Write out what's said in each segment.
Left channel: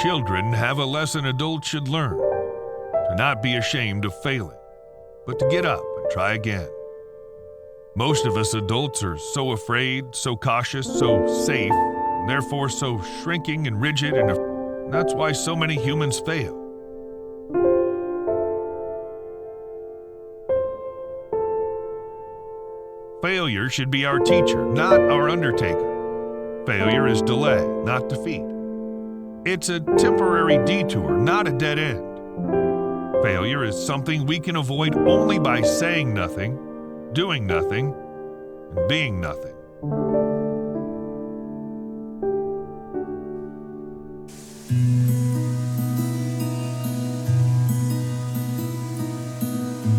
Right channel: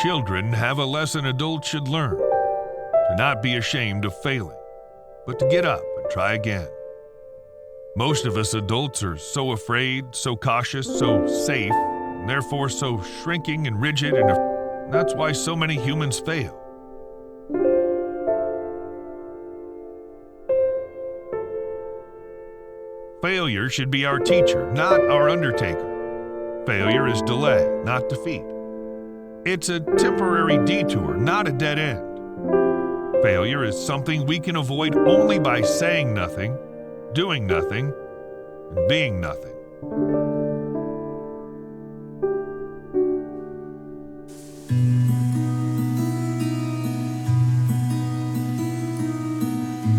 Children have a lesson adults should learn: to not be ashamed of failing, but to get up and try again. Most of us adults are so afraid, so cautious, so safe, and therefore so shrinking and rigid, and that's why so many humans fail. Failure should be our teacher, not our undertaker. Failure is delay, not defeat. It's a temporary detour, not a dead end. Failure is something we can avoid only by saying nothing, doing nothing, and being nothing.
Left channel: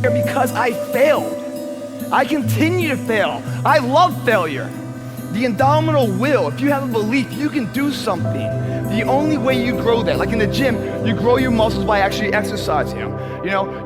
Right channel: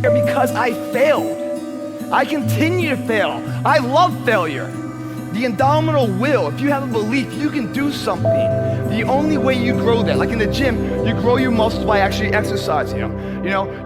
Because I failed. I continue to fail. I love failure. The indomitable will, if you have a belief you can do something, the only way you grow that, like in the gym, you grow your muscles by actually exercising them.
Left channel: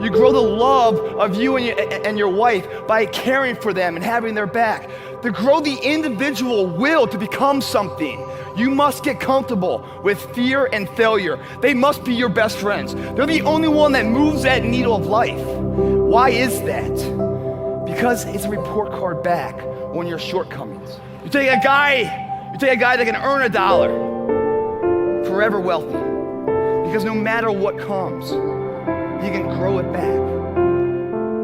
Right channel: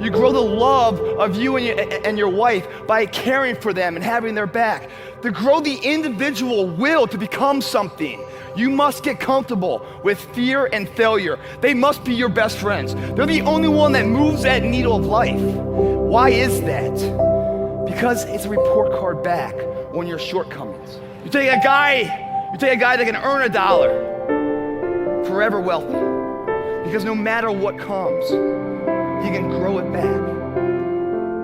You grow the love of you and your wife by caring for them and having their back. To grow the individual will to become something, you must get comfortable with fear and failure. They must be your best friends. They're the only one that moves that needle of life. Why is that? Because it's a report card back on your shortcomings. You take a guy that can earn $1, forever wealthy. Because no matter what comes, he can grow it back.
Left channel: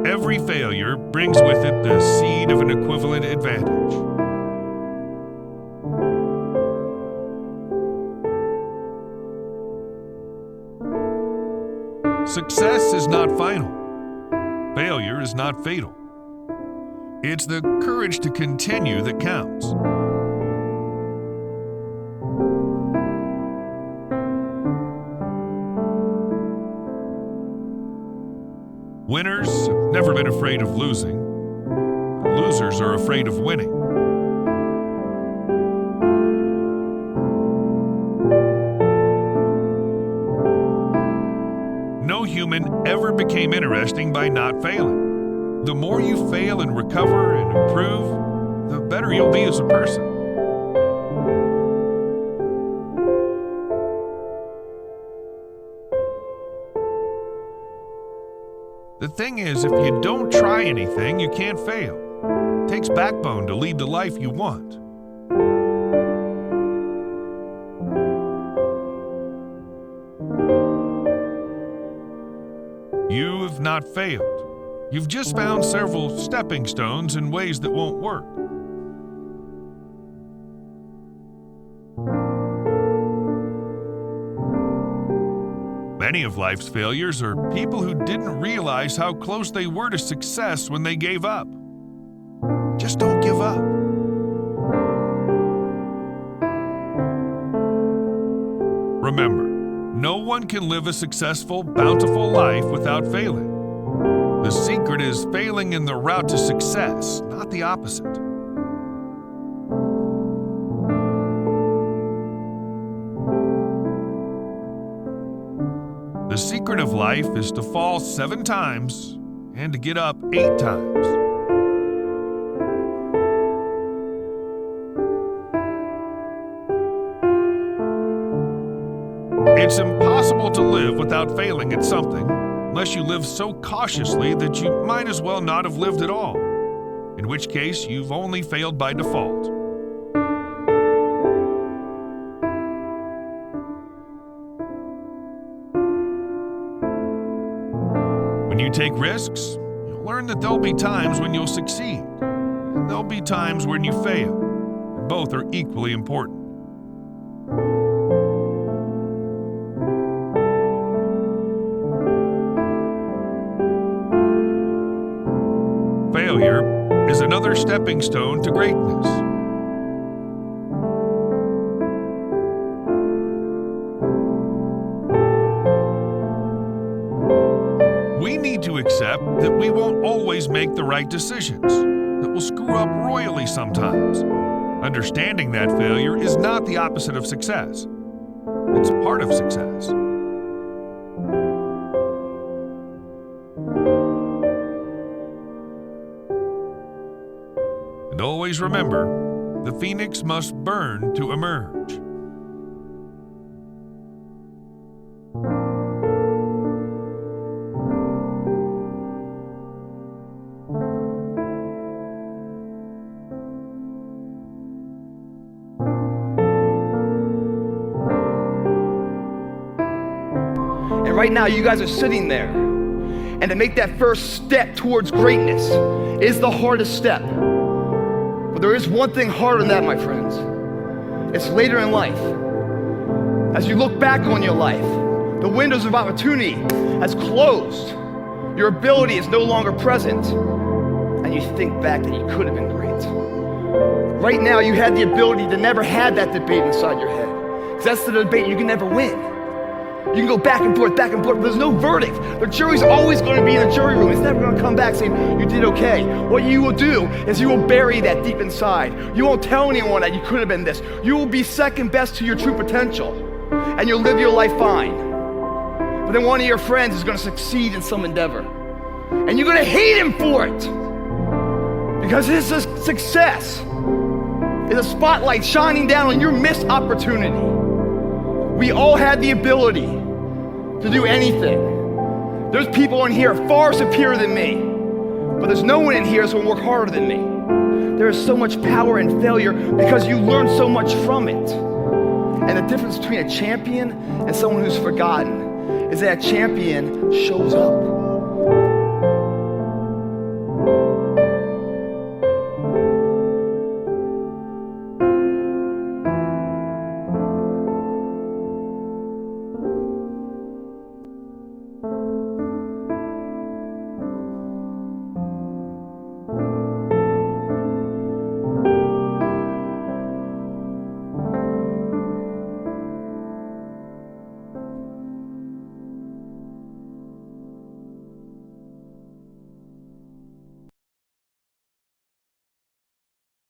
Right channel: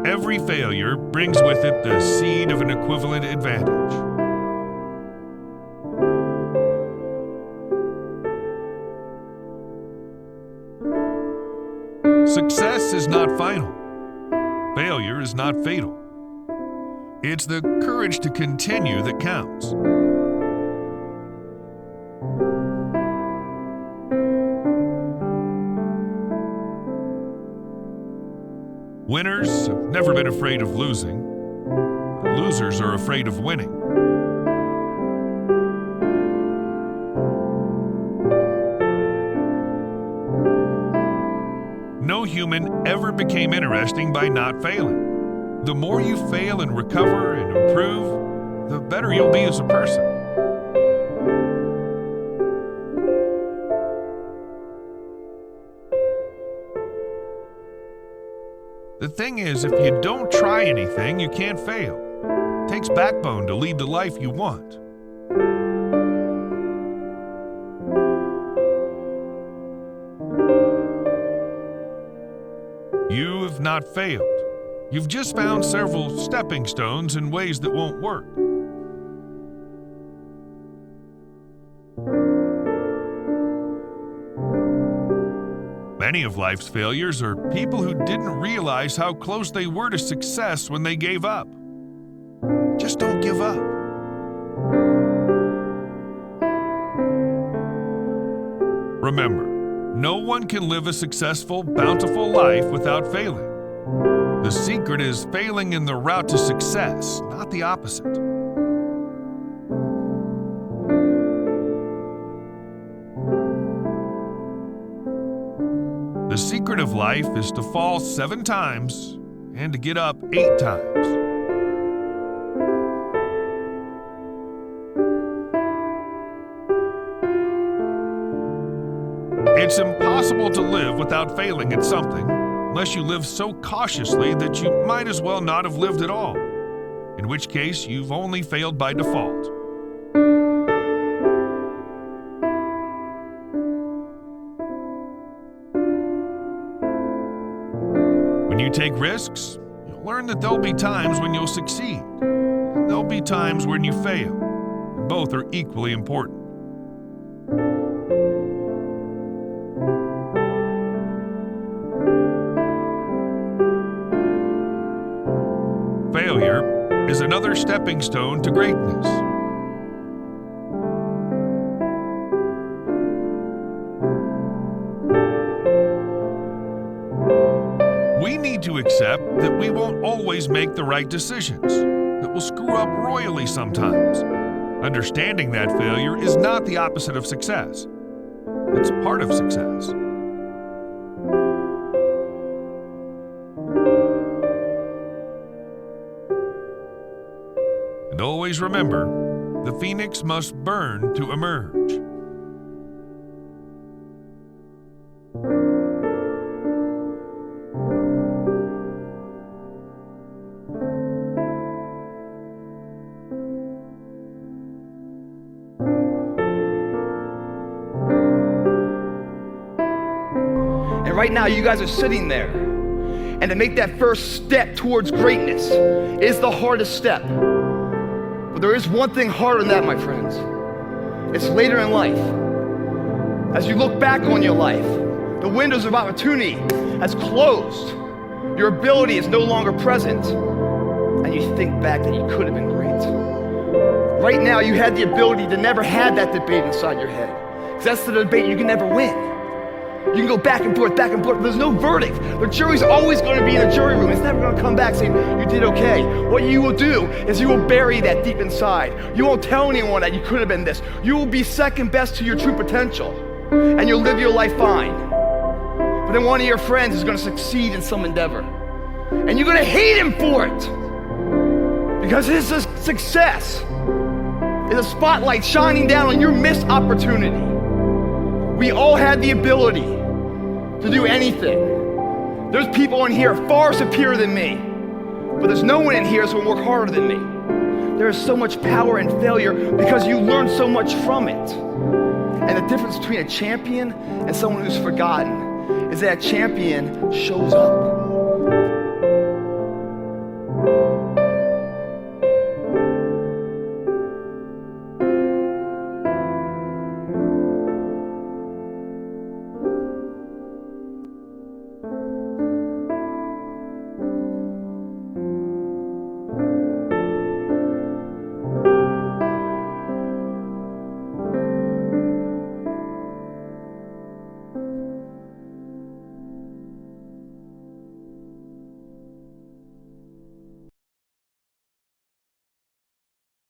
Every failure brings with it the seed of an equivalent advantage. Success is not final. Failure is not fatal. It's the courage to continue that counts. Winners have never been afraid of losing, but losers are afraid of winning. No human ever became interesting by not failing. The more you fail and recover and improve, the better you'll be as a person. The thing is, if you don't try anything, you can't fail. It takes backbone to lead the life you want. You have not failed. You've just found several stepping stones in ways that won't work. Many of life's failures are people who didn't realize how close they were to success when they gave up. Just don't give up. Remember, no one can live a successful, bountiful life without failing. The secret is failing in the route to success, not the opposite. The secret of life is to fall 7 times and to get up 8 times. It's impossible to live without failing at something, unless you live so cautiously that you might as well not have lived at all, in which case you've only failed by default. When you take risks, you'll learn that there'll be times when you'll succeed, and there'll be times when you fail, and both are equally important. Failure is another stepping stone to greatness. We need to accept that we won't always make the right decisions, that we'll screw up royally sometimes. Understanding that failure is not the opposite of success. It's part of success. And always remember, the phoenix must burn to emerge. And right now, you guys are sitting there. And to make that first step towards greatness is the hardest step. But there is one thing harder than that, my friends. It's later in life. As you look back on your life, the windows of opportunity has closed. Your ability is no longer present. And you think back that you could have been great. Right now, you had the ability to never have that debate inside your head. Because that's the debate you can never win. You can go back and forth, but there's no verdict. The jury's always going to be in the jury room. It's never going to come back saying, you did okay. What you will do is you will bury that deep inside. You won't tell anyone that you could have been this. You will be second best to your true potential. And you'll live your life fine. But then one of your friends is going to succeed in some endeavor. And you're going to hate him for it. Because his success is a spotlight shining down on your missed opportunity. We all had the ability to do anything. There's people in here far superior than me, but there's no one in here that's going to work harder than me. There is so much power in failure because you learn so much from it. And the difference between a champion and someone who's forgotten is that a champion shows up.